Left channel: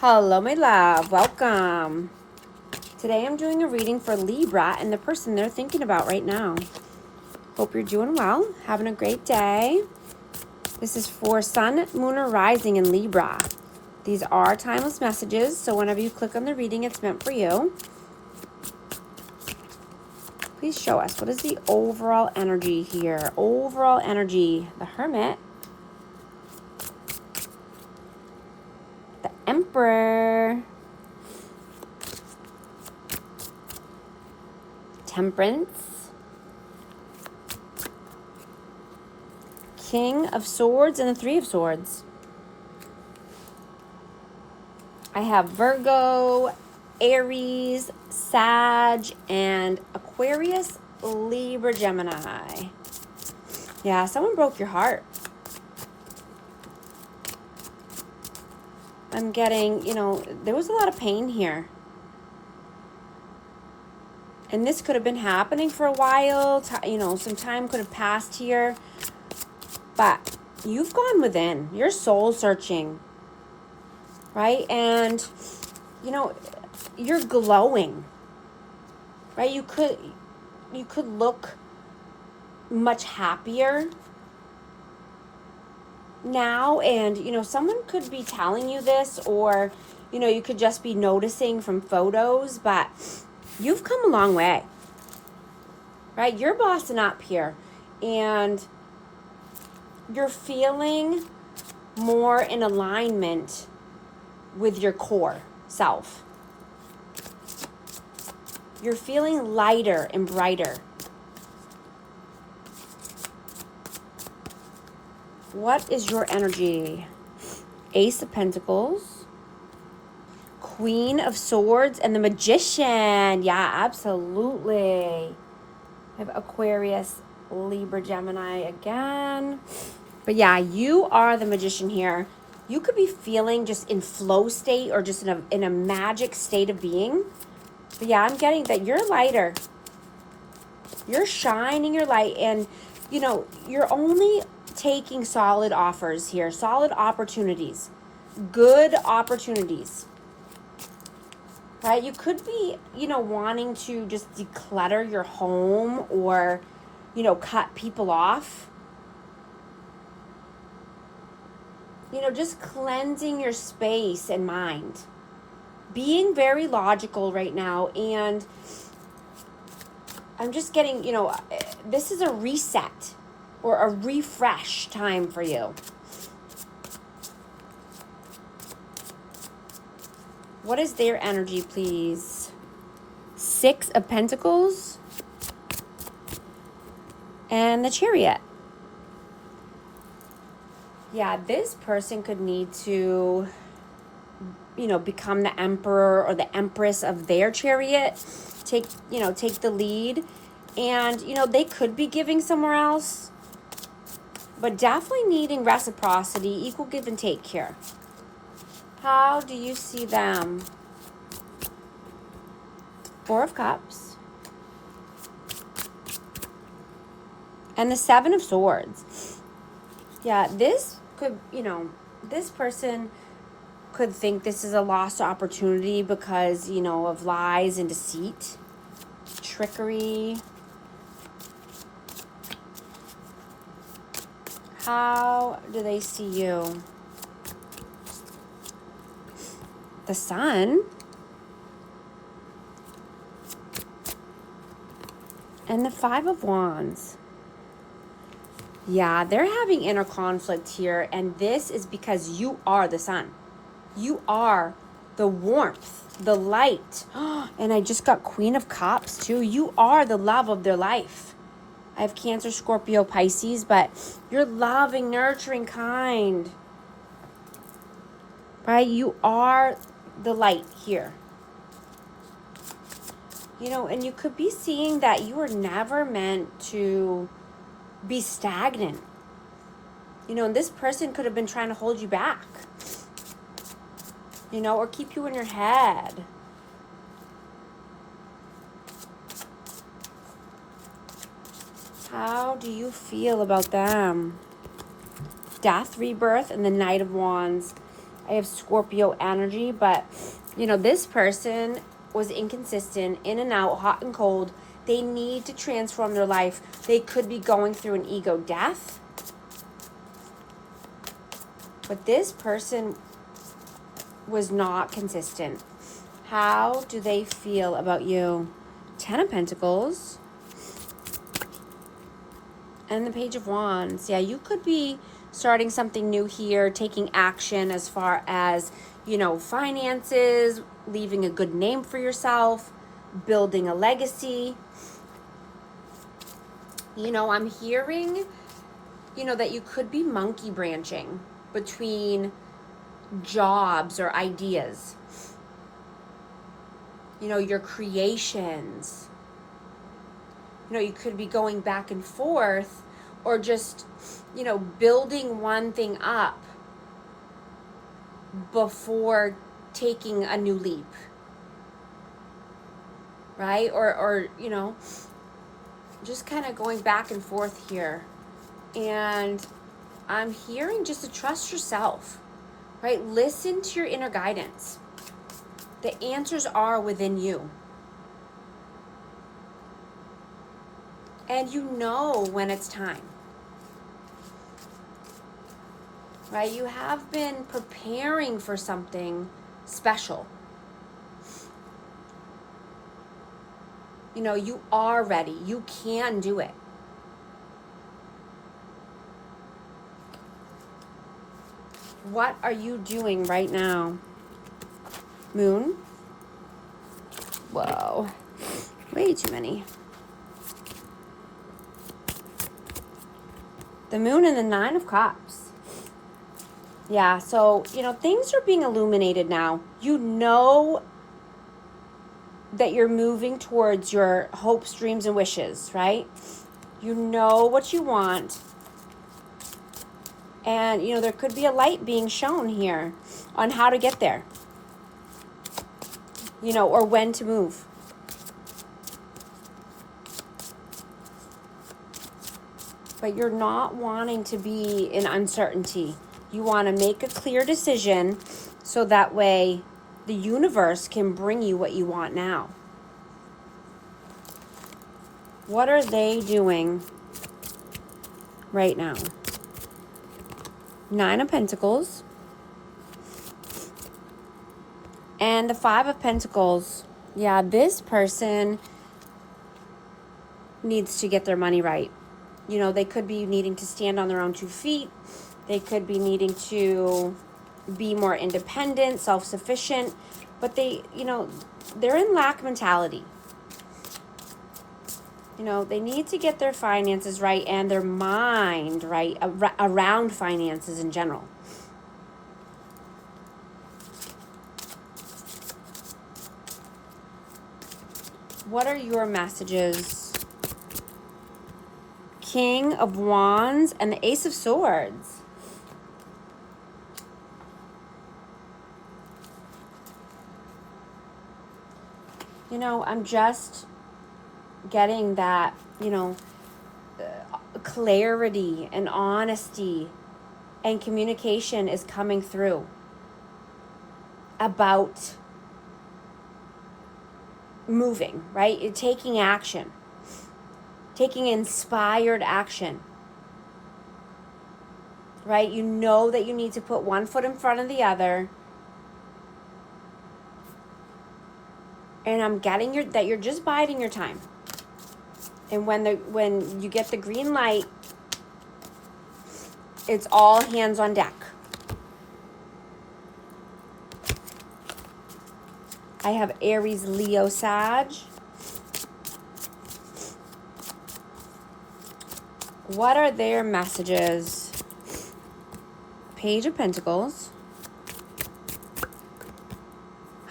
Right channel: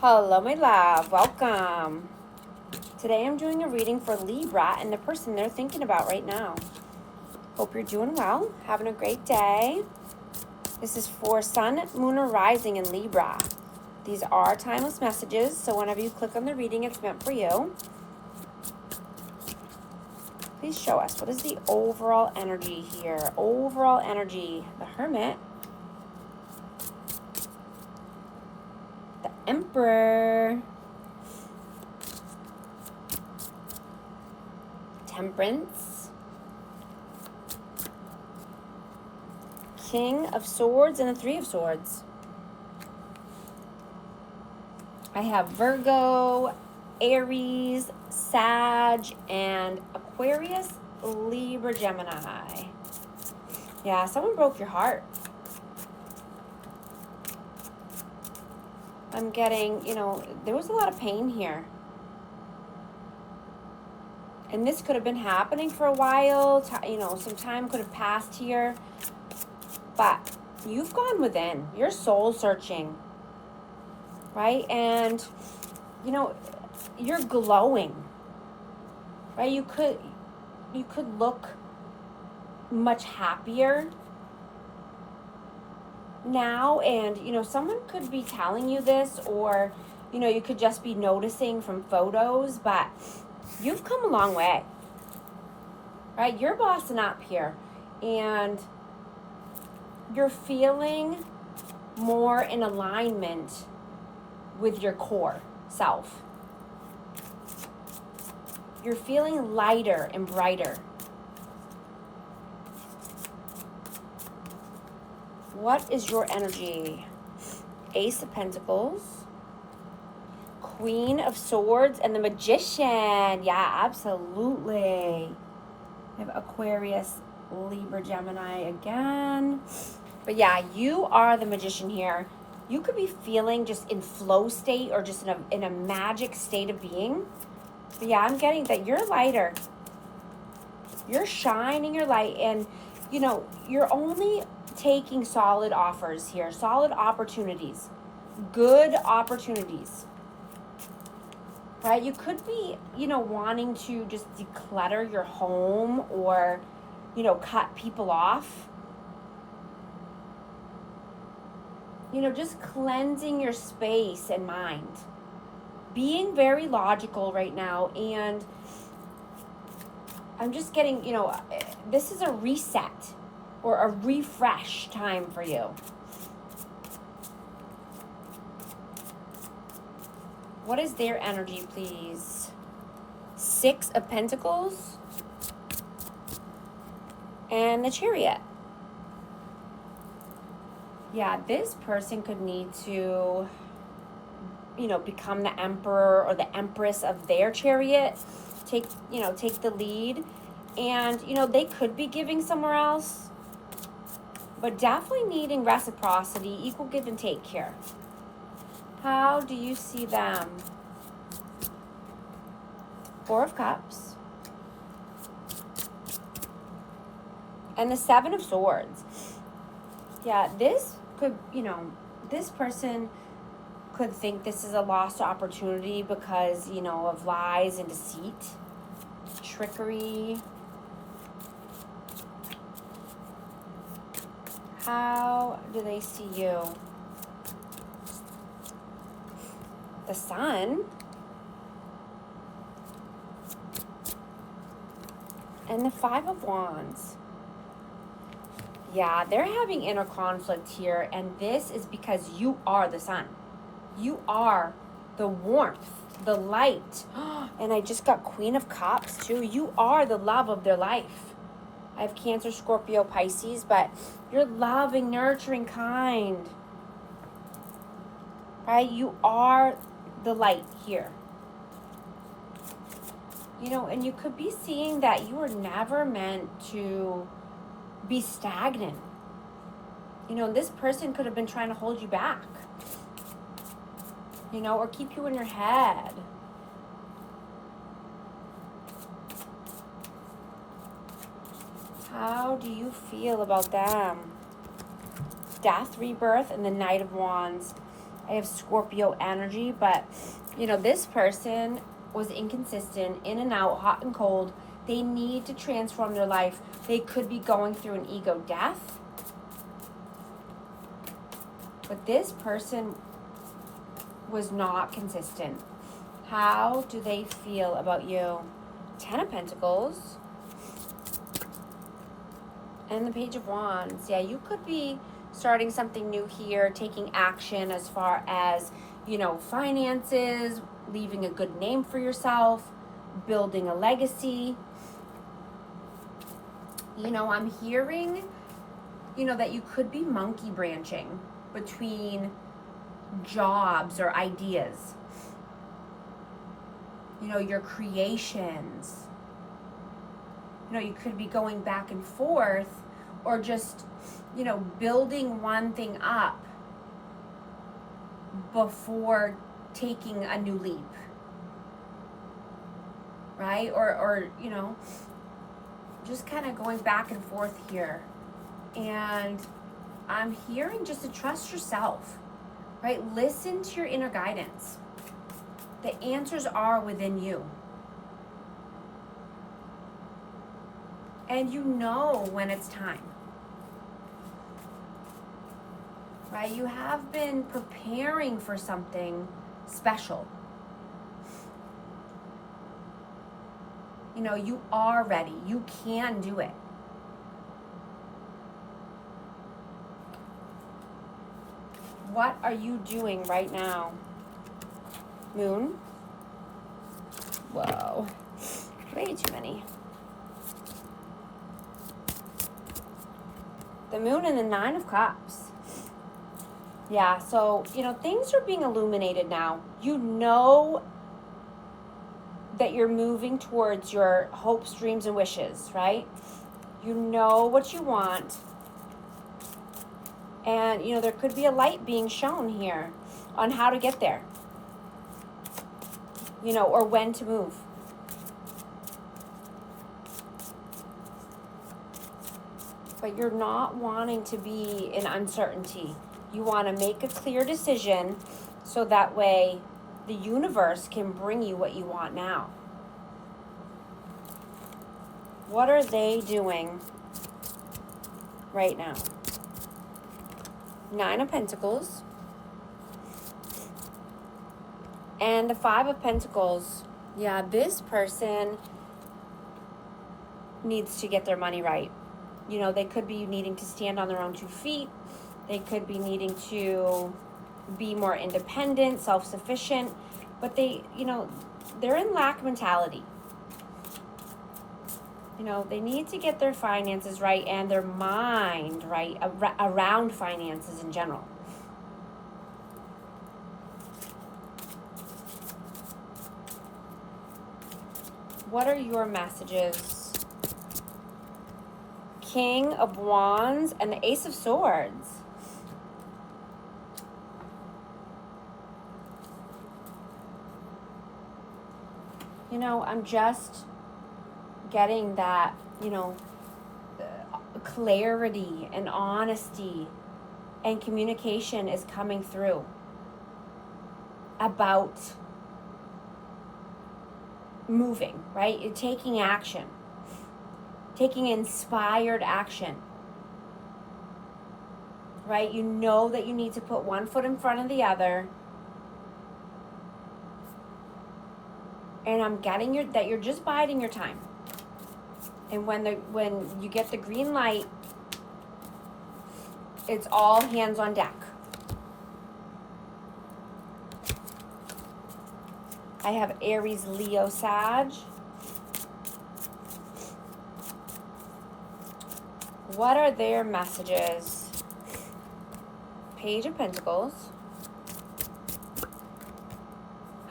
Hello, my love. Welcome. Today I'm doing a reading for Libra and the person they're thinking about right now. Hope you're doing well, having a great day. This is for Sun, Moon, or Rising in Libra. These are timeless messages, so whenever you click on the reading, it's meant for you. Please show us, what is the overall energy here? Overall energy. The Hermit. The Emperor. Temperance. King of Swords and the Three of Swords. I have Virgo, Aries, Sag, and Aquarius, Libra, Gemini. Yeah, someone broke your heart. I'm getting, there was a lot of pain here. And this could have been happening for a while. Some time could have passed here. But you've gone within. You're soul searching. Right? And, you're glowing. Right? You could look much happier now. And, someone could be telling you this, or, you could just be noticing from photos, but you've come a long way, right? You're bossing up here, and you're feeling more in alignment with your core self. You're feeling lighter and brighter. What is your energy? Ace of Pentacles, Queen of Swords, and the Magician. Yeah, absolutely. I have Aquarius, Libra, Gemini again. But yeah, you are the Magician here. You could be feeling just in flow state, or just in a magic state of being. But yeah, I'm getting that you're lighter. You're shining your light, and you're only taking solid offers here, solid opportunities, good opportunities. Right? You could be, wanting to just declutter your home, or, cut people off. Just cleansing your space and mind. Being very logical right now, and I'm just getting, this is a reset or a refresh time for you. What is their energy, please? Six of Pentacles and the Chariot. Yeah, this person could need to, become the emperor or the empress of their chariot. Take the lead. And, they could be giving somewhere else, but definitely needing reciprocity, equal give and take here. How do you see them? Four of Cups. And the Seven of Swords. Yeah, this could, this person could think this is a lost opportunity because, of lies and deceit, trickery. How do they see you? The Sun. And the Five of Wands. Yeah, they're having inner conflict here, and this is because you are the Sun. You are the warmth, the light. And I just got Queen of Cups too. You are the love of their life. I have Cancer, Scorpio, Pisces, but you're loving, nurturing, kind. Right? You are the light here. And you could be seeing that you were never meant to be stagnant. And this person could have been trying to hold you back. Or keep you in your head. How do you feel about them? Death, rebirth, and the Knight of Wands. I have Scorpio energy, but, you know, this person was inconsistent, in and out, hot and cold. They need to transform their life. They could be going through an ego death. But this person was not consistent. How do they feel about you? 10 of Pentacles. And the Page of Wands. Yeah, you could be starting something new here, taking action as far as, you know, finances, leaving a good name for yourself, building a legacy. You know, I'm hearing, you know, that you could be monkey branching between jobs or ideas. You know, your creations. You know, you could be going back and forth, or just, you know, building one thing up before taking a new leap. Right? Or you know, just kind of going back and forth here. And I'm hearing just to trust yourself, right? Listen to your inner guidance. The answers are within you. And you know when it's time. Right? You have been preparing for something special. You know, you are ready. You can do it. What are you doing right now? Moon? Whoa. Way too many. The Moon and the Nine of Cups. Yeah, so, you know, things are being illuminated now. You know that you're moving towards your hopes, dreams, and wishes, right? You know what you want. And, you know, there could be a light being shown here on how to get there. You know, or when to move. But you're not wanting to be in uncertainty. You want to make a clear decision so that way the universe can bring you what you want now. What are they doing right now? Nine of Pentacles. And the Five of Pentacles. Yeah, this person needs to get their money right. You know, they could be needing to stand on their own 2 feet. They could be needing to be more independent, self-sufficient. But they, you know, they're in lack mentality. You know, they need to get their finances right and their mind right around finances in general. What are your messages? King of Wands and the Ace of Swords. You know, I'm just getting that, you know, clarity and honesty and communication is coming through about moving, right? You're taking action, taking inspired action, right? You know that you need to put one foot in front of the other. And I'm getting that you're just biding your time. And when you get the green light, it's all hands on deck. I have Aries, Leo, Sag. What are their messages? Page of Pentacles.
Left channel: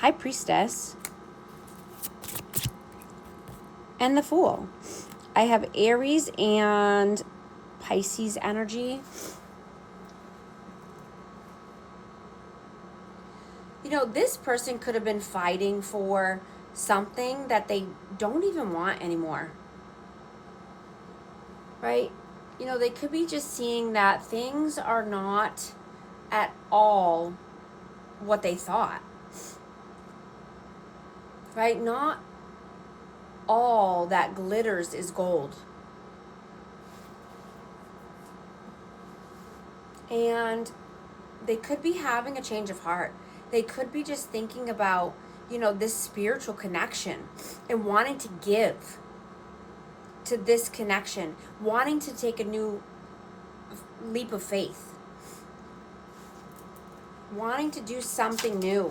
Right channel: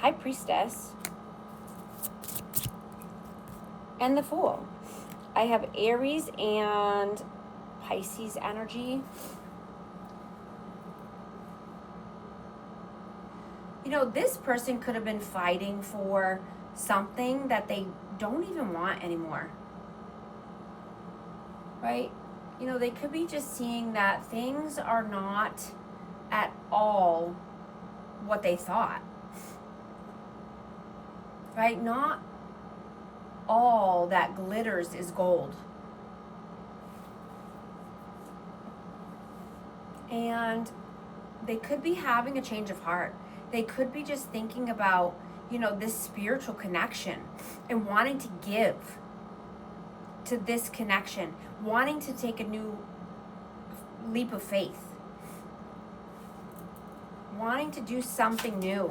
High Priestess. And the Fool. I have Aries and Pisces energy. You know, this person could have been fighting for something that they don't even want anymore. Right? You know, they could be just seeing that things are not at all what they thought. Right? Not all that glitters is gold. And they could be having a change of heart. They could be just thinking about, this spiritual connection and wanting to give to this connection, wanting to take a new leap of faith, wanting to do something new.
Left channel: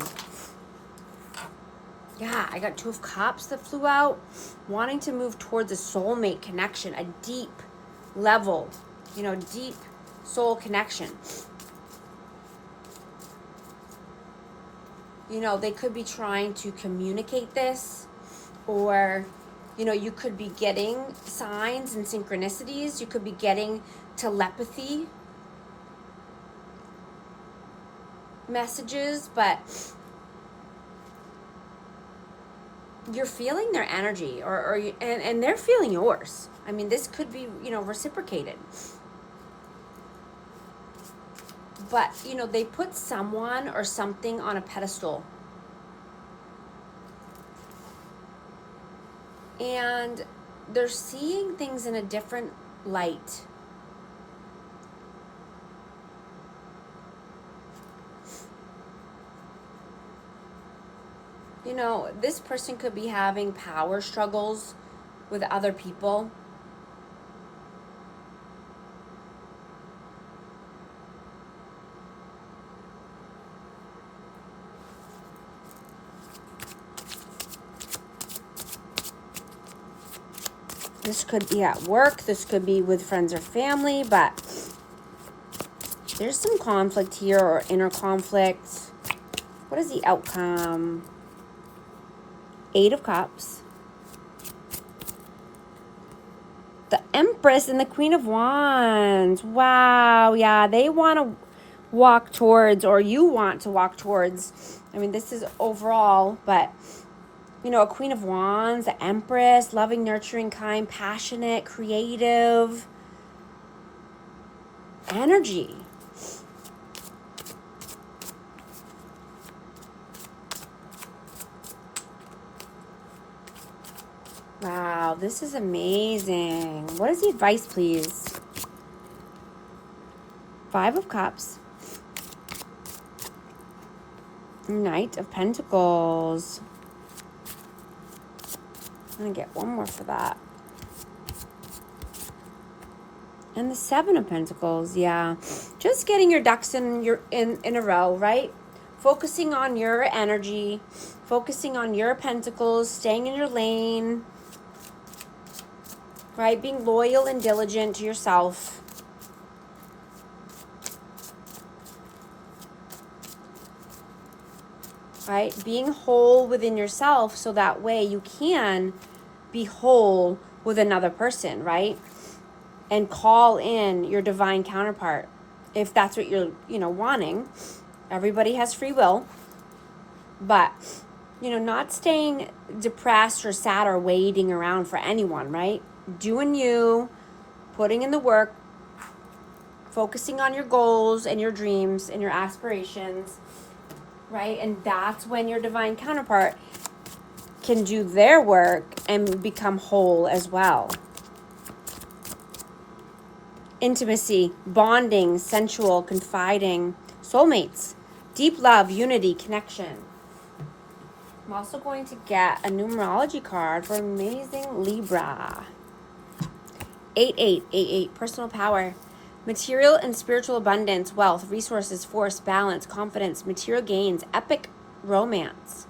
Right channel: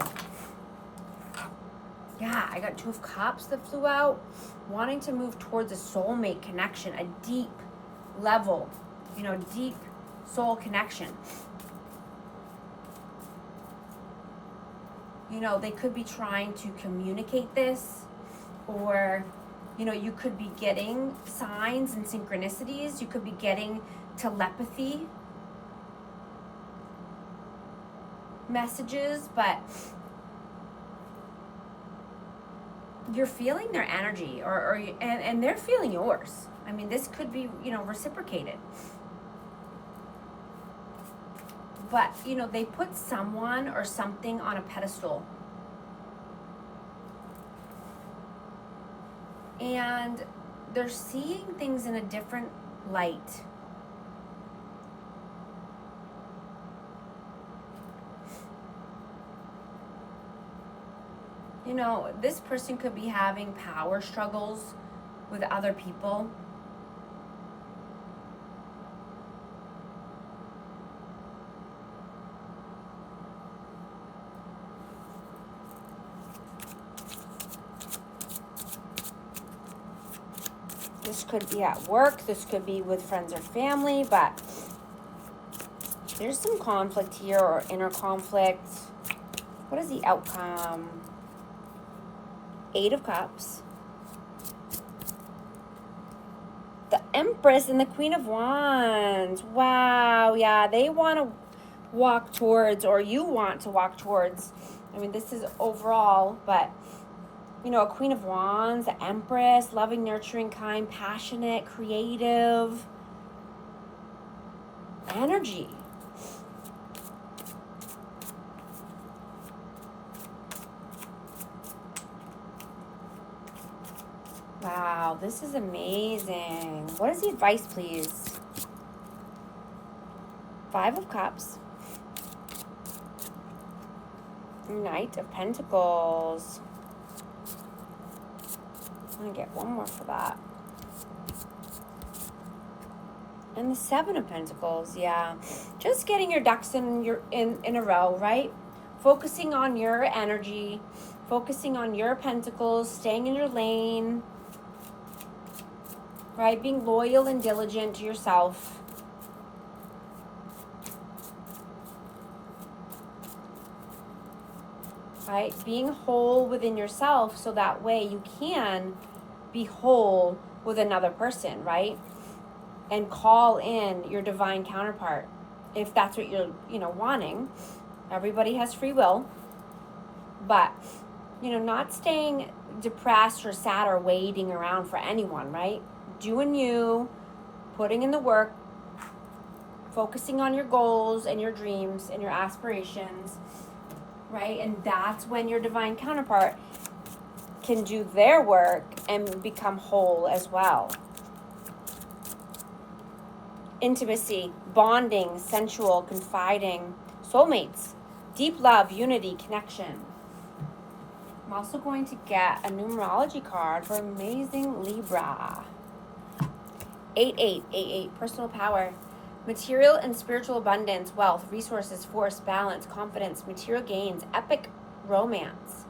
Yeah, I got 2 of Cups that flew out, wanting to move towards a soulmate connection, a deep level, deep soul connection. They could be trying to communicate this, or, you could be getting signs and synchronicities. You could be getting telepathy messages, but you're feeling their energy, and they're feeling yours. I mean, this could be, reciprocated. But, they put someone or something on a pedestal. And they're seeing things in a different light. This person could be having power struggles with other people. This could be at work. This could be with friends or family, but there's some conflict here, or inner conflict. What is the outcome? 8 of Cups. The Empress and the Queen of Wands. Wow, yeah, they want to walk towards, or you want to walk towards. I mean, this is overall, but, a Queen of Wands, the Empress, loving, nurturing, kind, passionate, creative energy. Wow, this is amazing. What is the advice, please? 5 of Cups. Knight of Pentacles. I'm going to get one more for that. And the 7 of Pentacles, yeah. Just getting your ducks in a row, right? Focusing on your energy, focusing on your pentacles, staying in your lane, right? Being loyal and diligent to yourself. Right? Being whole within yourself, so that way you can be whole with another person, right? And call in your divine counterpart if that's what you're, wanting. Everybody has free will, but, not staying depressed or sad or waiting around for anyone, right? Doing you, putting in the work, focusing on your goals and your dreams and your aspirations, right? And that's when your divine counterpart can do their work and become whole as well. Intimacy, bonding, sensual, confiding, soulmates, deep love, unity, connection. I'm also going to get a numerology card for amazing Libra. 8888, personal power, material and spiritual abundance, wealth, resources, force, balance, confidence, material gains, epic romance.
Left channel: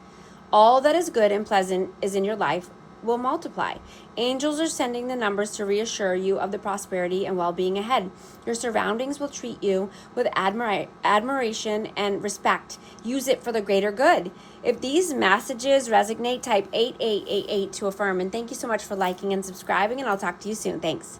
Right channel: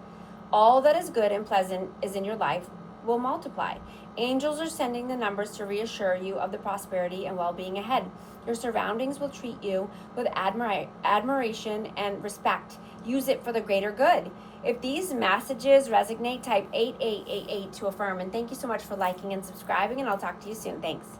All that is good and pleasant is in your life will multiply. Angels are sending the numbers to reassure you of the prosperity and well-being ahead. Your surroundings will treat you with admiration and respect. Use it for the greater good. If these messages resonate, type 8888 to affirm. And thank you so much for liking and subscribing, and I'll talk to you soon. Thanks.